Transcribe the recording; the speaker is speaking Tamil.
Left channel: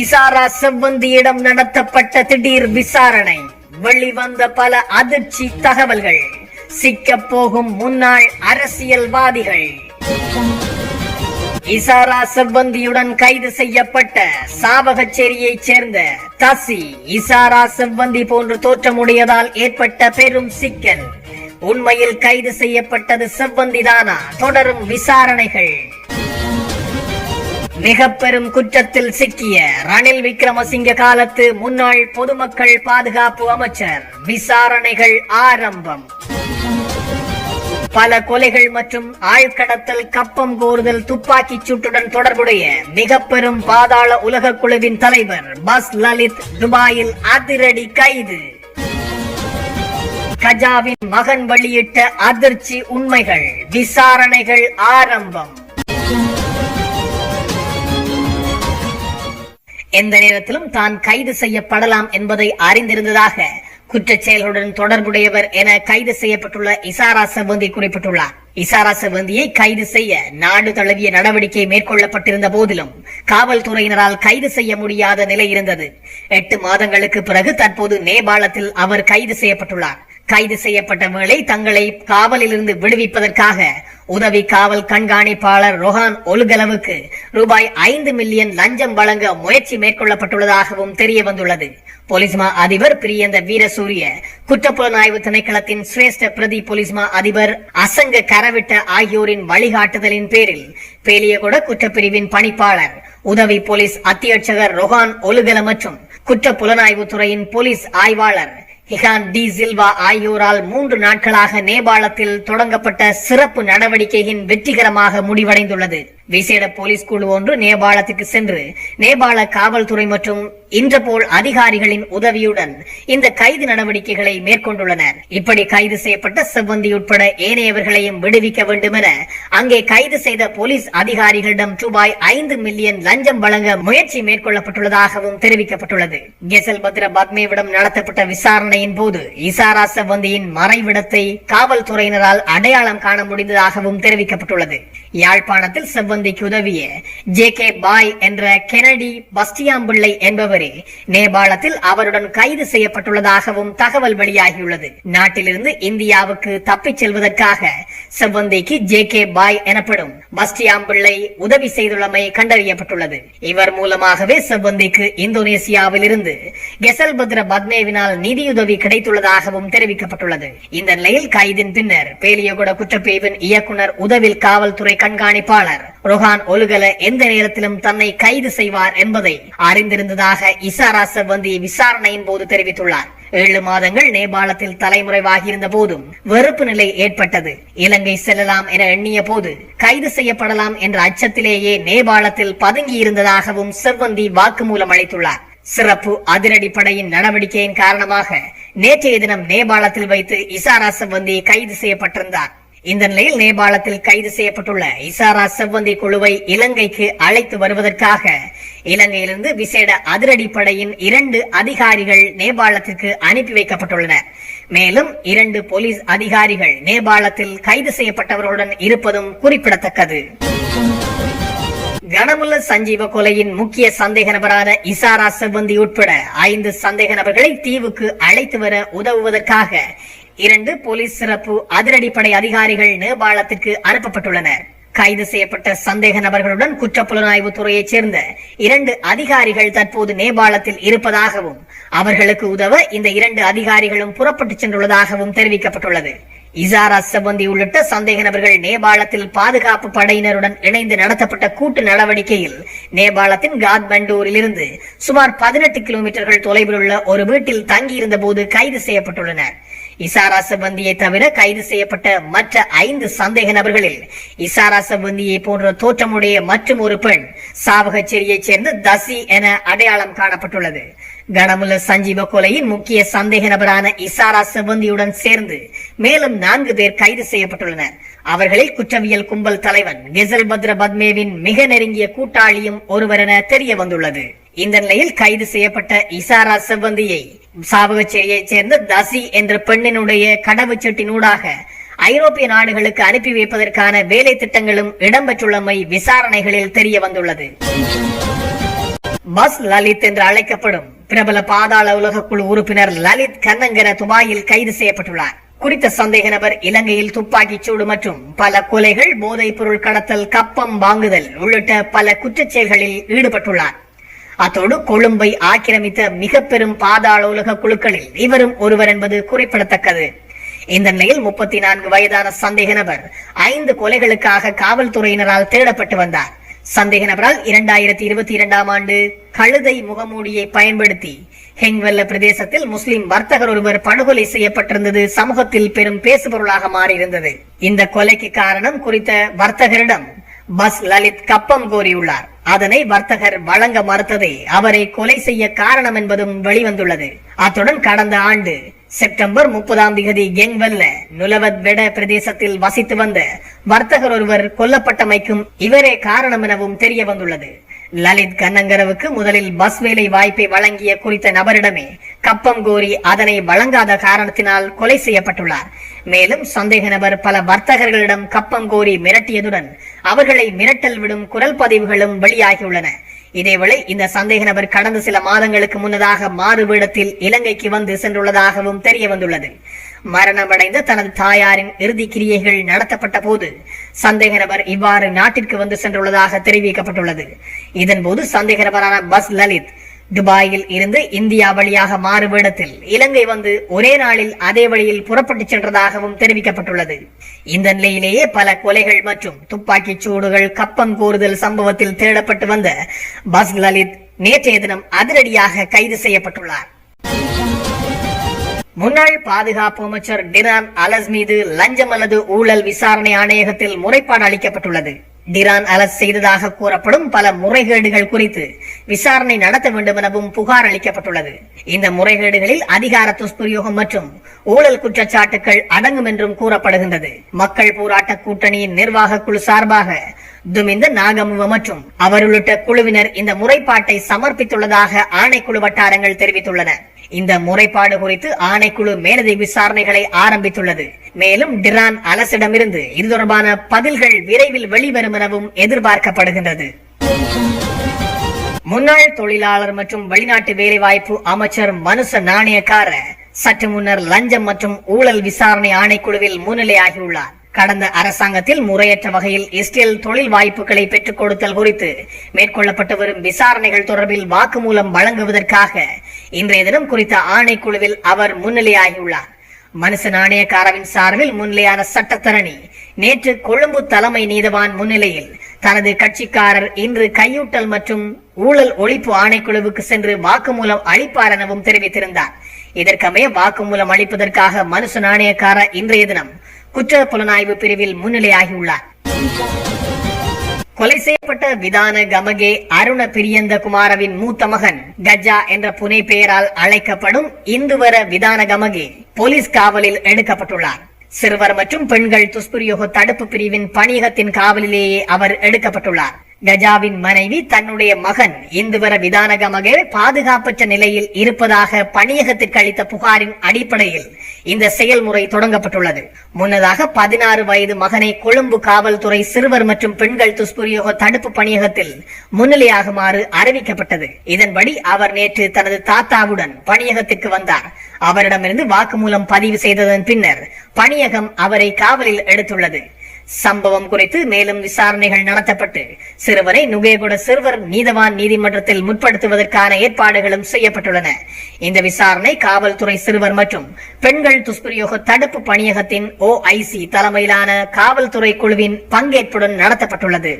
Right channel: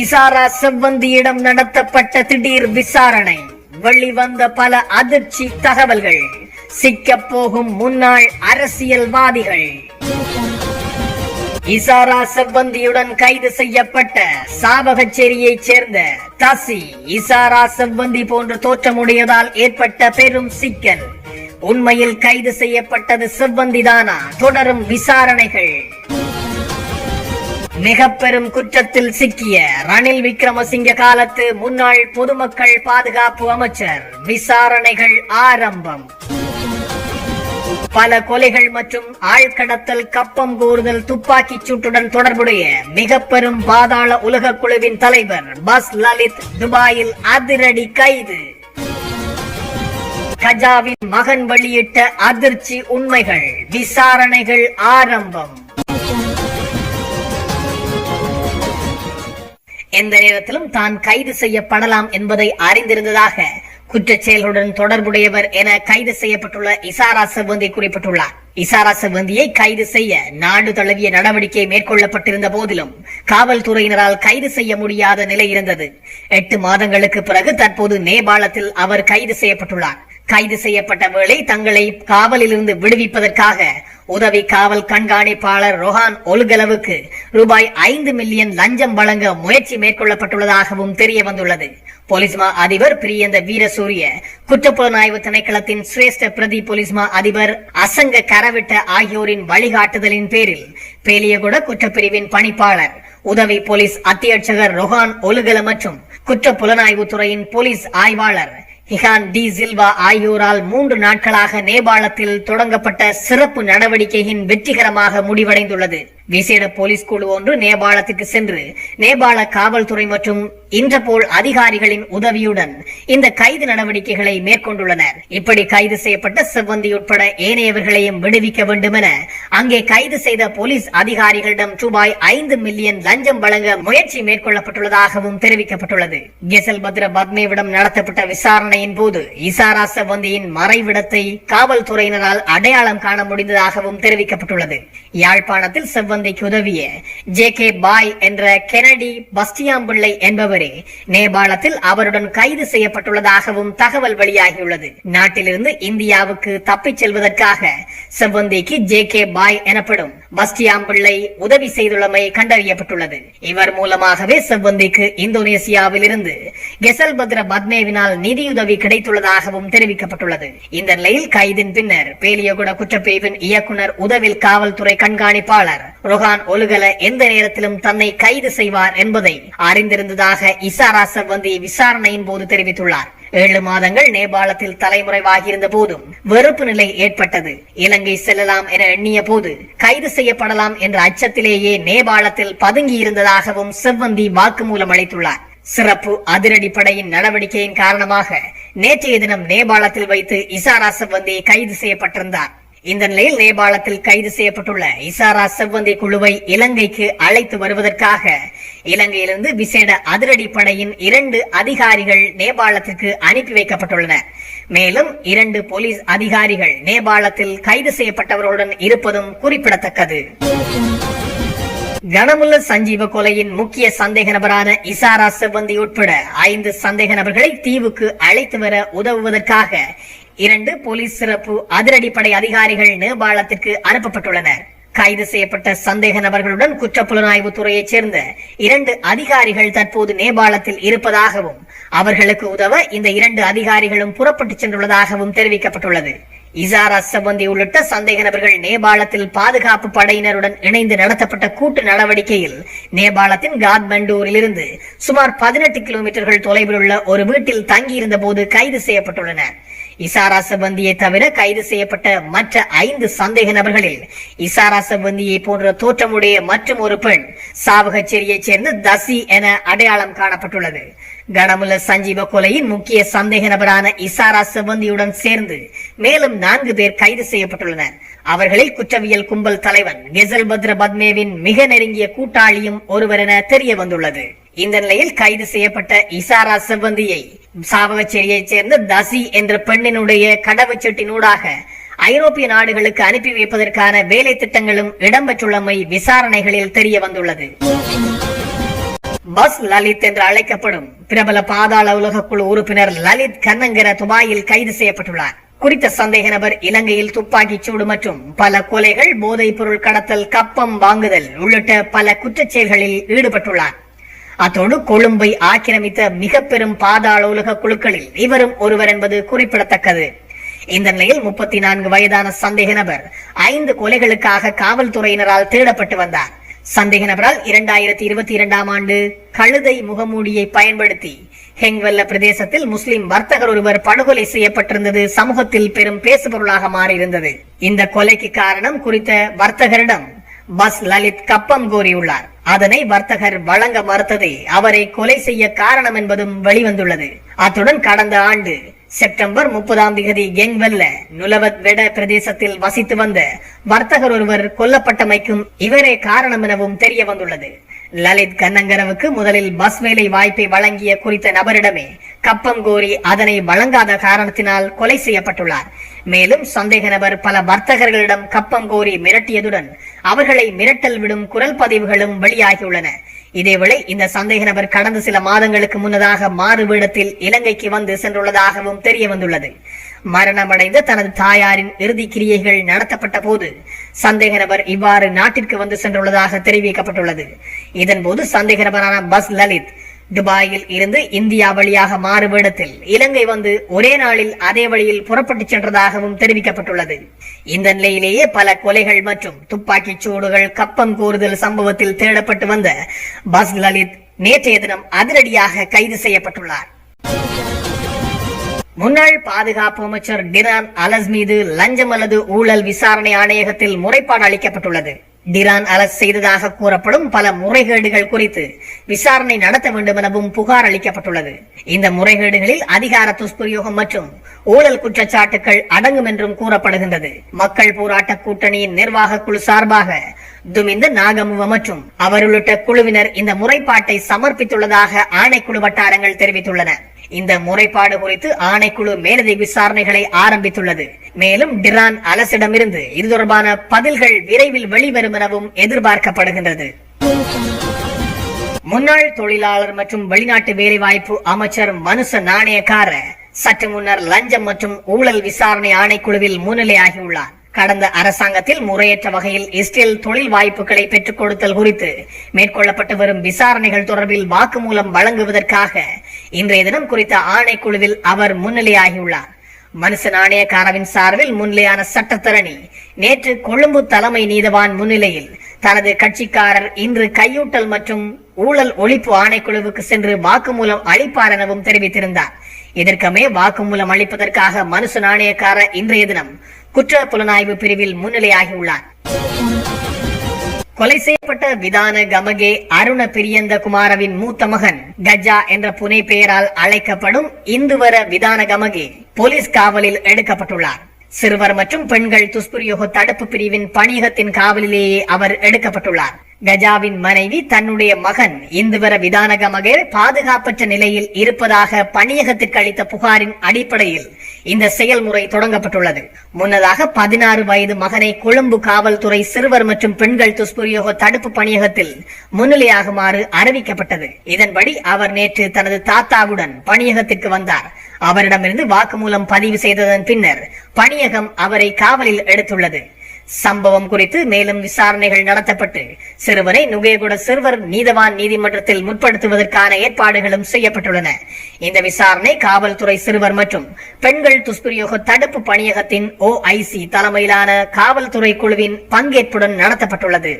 இசாரா செவ்வந்தியிடம் நடத்தப்பட்ட திடீர் விசாரணை, வெளிவந்த பல அதிர்ச்சி தகவல்கள், சிக்கப் போகும் முன்னாள் அரசியல்வாதிகள். இசாரா செவ்வந்தியுடன் கைது செய்யப்பட்ட சாவகச்சேரியைச் சேர்ந்த தசி இசாரா செவ்வந்தி போன்று தோற்றமுடையதால் ஏற்பட்ட பெரும் சிக்கல். உண்மையில் கைது செய்யப்பட்டது செவ்வந்திதானா? தொடரும் விசாரணைகள். மிக பெரும் குற்றத்தில் சிக்கிய ரணில் விக்ரமசிங்க காலத்து முன்னாள் பொதுமக்கள் பாதுகாப்பு அமைச்சர், விசாரணைகள் ஆரம்பம். பல கொலைகள் மற்றும் ஆழ்கடத்தல், கப்பம் கோருதல், துப்பாக்கிச் சூட்டுடன் தொடர்புடைய மிக பெரும் பாதாள உலக குழுவின் தலைவர் பஸ் லலித் துபாயில் அதிரடி கைது. கஜாவின் மகன் வெளியிட்ட அதிர்ச்சி உண்மைகள், விசாரணைகள் ஆரம்பம். எந்த நேரத்திலும் தான் கைது செய்யப்படலாம் என்பதை அறிந்திருந்ததாக குற்றச் செயல்களுடன் தொடர்புடையவர் என கைது செய்யப்பட்டுள்ள இசாரா செவ்வந்தி குறிப்பிட்டுள்ளார். இசாரா செவ்வந்தியை கைது செய்ய நாடு தழுவிய நடவடிக்கை மேற்கொள்ளப்பட்டிருந்த போதிலும் காவல்துறையினரால் கைது செய்ய முடியாத நிலை இருந்தது. 8 மாதங்களுக்கு பிறகு தற்போது நேபாளத்தில் அவர் கைது செய்யப்பட்டுள்ளார். கைது செய்யப்பட்ட வேளை தங்களை காவலில் இருந்து விடுவிப்பதற்காக உதவி காவல் கண்காணிப்பாளர் ரொஹான் ஒல்கலவுக்கு ரூபாய் 5 மில்லியன் லஞ்சம் வழங்க முயற்சி மேற்கொள்ளப்பட்டுள்ளதாகவும் தெரிய வந்துள்ளது. போலீஸ்மா அதிபர் பிரியந்த வீரசூரிய, குற்றப்புலனாய்வு திணைக்களத்தின் சிரேஷ்ட பிரதி போலீஸ்மா அதிபர் அசங்க கரவிட்ட ஆகியோரின் வழிகாட்டுதலின் பேரில் பேலியகுட குற்றப்பிரிவின் பணிப்பாளர், உதவி போலீஸ் அத்தியட்சகர் ரொஹான் ஒலுகல மற்றும் குற்றப்புலனாய்வு துறையின் போலீஸ் ஆய்வாளர் ஹிகான் டி சில்வா ஆகியோரால் 3 நாட்களாக நேபாளத்தில் தொடங்கப்பட்ட சிறப்பு நடவடிக்கையின் வெற்றிகரமாக முடிவடைந்துள்ளது. விசேட போலீஸ் குழு ஒன்று நேபாளத்துக்கு சென்று நேபாள காவல்துறை மற்றும் இன்டர்போல் அதிகாரிகளின் உதவியுடன் இந்த கைது நடவடிக்கைகளை மேற்கொண்டுள்ளனர். இப்படி கைது செய்யப்பட்ட செவ்வந்தி உட்பட ஏனையவர்களையும் விடுவிக்க வேண்டும் என அங்கே கைது செய்த போலீஸ் அதிகாரிகளிடம் ரூபாய் 5 மில்லியன் லஞ்சம் வழங்க முயற்சி மேற்கொள்ளப்பட்டுள்ளதாகவும் தெரிவிக்கப்பட்டுள்ளது. கெசல் பத்ர பத்மேவிடம் நடத்தப்பட்ட விசாரணையின் போது இசாரா செவ்வந்தியின் மறைவிடத்தை காவல்துறையினரால் அடையாளம் காண முடிந்ததாகவும் தெரிவிக்கப்பட்டுள்ளது. யாழ்ப்பாணத்தில் செவ்வந்திக்கு உதவிய JK பாய் என்ற கெனடி பஸ்டியாம்பிள்ளை என்பவரே நேபாளத்தில் அவருடன் கைது செய்யப்பட்டுள்ளதாகவும் தகவல் வெளியாகியுள்ளது. நாட்டிலிருந்து இந்தியாவுக்கு தப்பிச் செல்வதற்காக செவ்வந்திக்கு JK பாய் எனப்படும் பஸ்டியாம்பிள்ளை உதவி செய்துள்ளமை கண்டறியப்பட்டுள்ளது. இவர் மூலமாகவே செவ்வந்திக்கு இந்தோனேசியாவில் இருந்து கெசல்பத்ர பத்மேவினால் நிதியுதவி கிடைத்துள்ளதாகவும் தெரிவிக்கப்பட்டுள்ளது. இந்த நிலையில் கைதின் பின்னர் பேலியகுட குற்றப்பிரிவின் இயக்குனர் உதவி காவல்துறை கண்காணிப்பாளர் ரொஹான் ஒலுகல எந்த நேரத்திலும் தன்னை கைது செய்வார் என்பதை அறிந்திருந்ததாக இசாரா செவ்வந்தி விசாரணையின் போது தெரிவித்துள்ளார். 7 மாதங்கள் நேபாளத்தில் தலைமுறைவாகியிருந்த போதும் வெறுப்பு நிலை ஏற்பட்டது. இலங்கை செல்லலாம் என எண்ணிய போது கைது செய்யப்படலாம் என்ற அச்சத்திலேயே நேபாளத்தில் பதுங்கி இருந்ததாகவும் செவ்வந்தி வாக்குமூலம் அளித்துள்ளார். சிறப்பு அதிரடி படையின் நடவடிக்கையின் காரணமாக நேற்றைய தினம் நேபாளத்தில் வைத்து இசாரா செவ்வந்தி கைது செய்யப்பட்டிருந்தார். இந்த நிலையில் நேபாளத்தில் கைது செய்யப்பட்டுள்ள இசாரா செவ்வந்தி குழுவை இலங்கைக்கு அழைத்து வருவதற்காக இலங்கையிலிருந்து விசேட அதிரடி படையின் 2 அதிகாரிகள் நேபாளத்திற்கு அனுப்பி வைக்கப்பட்டுள்ளனர். மேலும் 2 போலீஸ் அதிகாரிகள் நேபாளத்தில் கைது செய்யப்பட்டவர்களுடன் இருப்பதும் குறிப்பிடத்தக்கது. கனமுல்ல சஞ்சீவ கொலையின் முக்கிய சந்தேக நபரான இசாரா செவ்வந்தி உட்பட 5 சந்தேக நபர்களை தீவுக்கு அழைத்து வர உதவுவதற்காக 2 போலீஸ் சிறப்பு அதிரடிப்படை அதிகாரிகள் நேபாளத்திற்கு அனுப்பப்பட்டுள்ளனர். கைது செய்யப்பட்ட சந்தேக நபர்களுடன் குற்றப்புலனாய்வு துறையைச் சேர்ந்த 2 அதிகாரிகள் தற்போது நேபாளத்தில் இருப்பதாகவும் அவர்களுக்கு உதவ இந்த 2 அதிகாரிகளும் புறப்பட்டு சென்றுள்ளதாகவும் தெரிவிக்கப்பட்டுள்ளது. இசாரா செவ்வந்தி உள்ளிட்ட சந்தேக நபர்கள் நேபாளத்தில் பாதுகாப்பு படையினருடன் இணைந்து நடத்தப்பட்ட கூட்டு நடவடிக்கையில் நேபாளத்தின் காத்மண்டூரில் இருந்து சுமார் 18 கிலோமீட்டர்கள் தொலைவில் உள்ள ஒரு வீட்டில் தங்கியிருந்த போது கைது செய்யப்பட்டுள்ளனர். இசாரா செவ்வந்தியை தவிர கைது செய்யப்பட்ட மற்ற 5 சந்தேக நபர்களில் இசாரா செவ்வந்தியை போன்ற தோற்றமுடைய மற்றும் ஒரு பெண் சாவகச்சேரியைச் சேர்ந்த தசி என அடையாளம் காணப்பட்டுள்ளது. கனமுல்ல சஞ்சீவ கொலையின் முக்கிய சந்தேக நபரான இசாரா செவ்வந்தியுடன் சேர்ந்து மேலும் 4 பேர் கைது செய்யப்பட்டுள்ளனர். அவர்களில் குற்றவியல் கும்பல் தலைவன் கெசல்பத்ர பத்மேவின் மிக நெருங்கிய கூட்டாளியும் ஒருவர் என தெரிய வந்துள்ளது. இந்த நிலையில் கைது செய்யப்பட்ட இசாரா செவ்வந்தியை சாவகச்சேரியைச் சேர்ந்த தசி என்ற பெண்ணினுடைய கடவுச்சொட்டினூடாக ஐரோப்பிய நாடுகளுக்கு அனுப்பி வைப்பதற்கான வேலை திட்டங்களும் இடம்பெற்றுள்ளமை விசாரணைகளில் தெரிய வந்துள்ளது. பஸ் லலித் என்று அழைக்கப்படும் பிரபல பாதாள உலக குழு உறுப்பினர் லலித் கண்ணங்கர துபாயில் கைது செய்யப்பட்டுள்ளார். குறித்த சந்தேக நபர் இலங்கையில் துப்பாக்கிச் சூடு மற்றும் பல கொலைகள், போதைப் பொருள் கடத்தல், கப்பம் வாங்குதல் உள்ளிட்ட பல குற்றச் செயல்களில் ஈடுபட்டுள்ளார். அத்தோடு கொழும்பை ஆக்கிரமித்த மிக பெரும் பாதாள உலக குழுக்களில் இவரும் ஒருவர் என்பது குறிப்பிடத்தக்கது. இந்த நிலையில் 34 வயதான சந்தேக நபர் 5 கொலைகளுக்காக காவல்துறையினரால் தேடப்பட்டு வந்தார். சந்தேக நபரால் 2022ஆம் ஆண்டு கழுதை முகமூடியை பயன்படுத்தி ஹெங்வெல்ல பிரதேசத்தில் முஸ்லிம் வர்த்தகர் ஒருவர் படுகொலை செய்யப்பட்டிருந்தது சமூகத்தில் பெரும் பேசுபொருளாக மாறியிருந்தது. இந்த கொலைக்கு காரணம் குறித்த வர்த்தகரிடம் பஸ் லலித் கப்பம் கோரியுள்ளார். அதனை வர்த்தகர் வழங்க மறுத்ததை அவரை கொலை செய்ய காரணம் என்பதும் வெளிவந்துள்ளது. அத்துடன் கடந்த ஆண்டு செப்டம்பர் 30ஆம் தேதி கெங்வெல்ல நுலவத் வெட பிரதேசத்தில் வசித்து வந்த வர்த்தகர் ஒருவர் கொல்லப்பட்டமைக்கும் இவரே காரணம் எனவும் தெரிய வந்துள்ளது. லலித் கண்ணங்கரவுக்கு முதலில் பஸ் வேலை வாய்ப்பை வழங்கிய குறித்த நபரிடமே கப்பம் கோரி அதனை வழங்காத காரணத்தினால் கொலை செய்யப்பட்டுள்ளார். மேலும் சந்தேக நபர் பல வர்த்தகர்களிடம் கப்பம் கோரி மிரட்டியதுடன் அவர்களை மிரட்டல் விடும் குரல் பதிவுகளும் வெளியாகியுள்ளன. இதேவேளை இந்த சந்தேக நபர் கடந்த சில மாதங்களுக்கு முன்னதாக மாறு வேடத்தில் இலங்கைக்கு வந்து சென்றுள்ளதாகவும் தெரிய வந்துள்ளது. மரணமடைந்த தனது தாயாரின் இறுதி கிரியைகள் நடத்தப்பட்ட போது சந்தேக நபர் இவ்வாறு நாட்டிற்கு வந்து சென்றுள்ளதாக தெரிவிக்கப்பட்டுள்ளது. இதன்போது சந்தேக நபரான பஸ் லலித் துபாயில் இருந்து இந்தியா வழியாக மாறு வேடத்தில் இலங்கை வந்து ஒரே நாளில் அதே வழியில் புறப்பட்டு சென்றதாகவும் தெரிவிக்கப்பட்டுள்ளது. இந்த நிலையிலேயே பல கொலைகள் மற்றும் துப்பாக்கிச் சூடுகள், கப்பம் கோருதல் சம்பவத்தில் தேடப்பட்டு வந்த பஸ் லலித் நேற்றைய தினம் அதிரடியாக கைது செய்யப்பட்டுள்ளார். முன்னாள் பாதுகாப்பு அமைச்சர் டிரான் அலஸ் மீது லஞ்சம் அல்லது ஊழல் விசாரணை ஆணையகத்தில் முறைப்பாடு அளிக்கப்பட்டுள்ளது. டிரான் அலஸ் செய்ததாக கூறப்படும் பல முறைகேடுகள் குறித்து விசாரணை நடத்த வேண்டும் எனவும் புகார் அளிக்கப்பட்டுள்ளது. இந்த முறைகேடுகளில் அதிகார துஷ்பிரயோகம் மற்றும் ஊழல் குற்றச்சாட்டுகள் அடங்கும் என்றும் கூறப்படுகின்றது. மக்கள் போராட்ட கூட்டணியின் நிர்வாக குழு சார்பாக துமிந்த நாகமுவ மற்றும் அவர் உள்ளிட்ட குழுவினர் இந்த முறைப்பாட்டை சமர்ப்பித்துள்ளதாக ஆணைக்குழு வட்டாரங்கள் தெரிவித்துள்ளன. இந்த முறைப்பாடு குறித்து ஆணைக்குழு மேலதிக விசாரணைகளை ஆரம்பித்துள்ளது. மேலும் டிரான் அலசிடமிருந்து இது தொடர்பான பதில்கள் விரைவில் வெளிவரும் எனவும் எதிர்பார்க்கப்படுகின்றது. முன்னாள் தொழிலாளர் மற்றும் வெளிநாட்டு வேலைவாய்ப்பு அமைச்சர் மனுச நாணயக்கார சற்று முன்னர் லஞ்சம் மற்றும் ஊழல் விசாரணை ஆணைக்குழுவில் முன்னிலையாகியுள்ளார். கடந்த அரசாங்கத்தில் முறையற்ற வகையில் இஸ்ரேல் தொழில் வாய்ப்புகளை பெற்றுக் கொடுத்தல் குறித்து மேற்கொள்ளப்பட்டு வரும் விசாரணைகள் தொடர்பில் வாக்குமூலம் வழங்குவதற்காக இன்றைய தினம் குறித்த ஆணைக்குழுவில் அவர் முன்னிலையாகியுள்ளார். மனுச நாணயக்காரவின் சார்பில் முன்னிலையான சட்டத்தரணி நேற்று கொழும்பு தலைமை நீதவான் முன்னிலையில் தனது கட்சிக்காரர் இன்று கையூட்டல் மற்றும் ஊழல் ஒழிப்பு ஆணைக்குழுவுக்கு சென்று வாக்குமூலம் அளிப்பார் எனவும் தெரிவித்திருந்தார். இதற்கமே வாக்குமூலம் அளிப்பதற்காக மனுச நாணயக்கார இன்றைய தினம் குற்ற புலனாய்வு பிரிவில் முன்னிலையாகியுள்ளார். கொலை செய்யப்பட்ட விதான கமகே அருண பிரியந்த குமாரவின் மூத்த மகன் கஜா என்ற புனை பெயரால் அழைக்கப்படும் இந்துவர விதான கமகே போலீஸ் காவலில் எடுக்கப்பட்டுள்ளார். சிறுவர் மற்றும் பெண்கள் துஷ்பிரயோக தடுப்பு பிரிவின் பணியகத்தின் காவலிலேயே அவர் எடுக்கப்பட்டுள்ளார். கஜாவின் மனைவி தன்னுடைய மகன் இந்துவர விதானகமகே பாதுகாப்பற்ற நிலையில் இருப்பதாக பணியகத்திற்கு அளித்த புகாரின் அடிப்படையில் இந்த செயல்முறை தொடங்கப்பட்டுள்ளது. முன்னதாக 16 வயது மகனை கொழும்பு காவல்துறை சிறுவர் மற்றும் பெண்கள் துஷ்பிரயோக தடுப்பு பணியகத்தில் முன்னிலையாகுமாறு அறிவிக்கப்பட்டது. இதன்படி அவர் நேற்று தனது தாத்தாவுடன் பணியகத்திற்கு வந்தார். அவரிடமிருந்து வாக்குமூலம் பதிவு செய்ததன் பின்னர் பணியகம் அவரை காவலில் எடுத்துள்ளது. சம்பவம் குறித்து மேலும் விசாரணைகள் நடத்தப்பட்டு சிறுவனை நுகேகுட சிறுவர் நீதவான் நீதிமன்றத்தில் முற்படுத்துவதற்கான ஏற்பாடுகளும் செய்யப்பட்டுள்ளன. இந்த விசாரணை காவல்துறை சிறுவர் மற்றும் பெண்கள் துஷ்பிரயோக தடுப்பு பணியகத்தின் OIC தலைமையிலான காவல்துறை குழுவின் பங்கேற்புடன் நடத்தப்பட்டுள்ளது.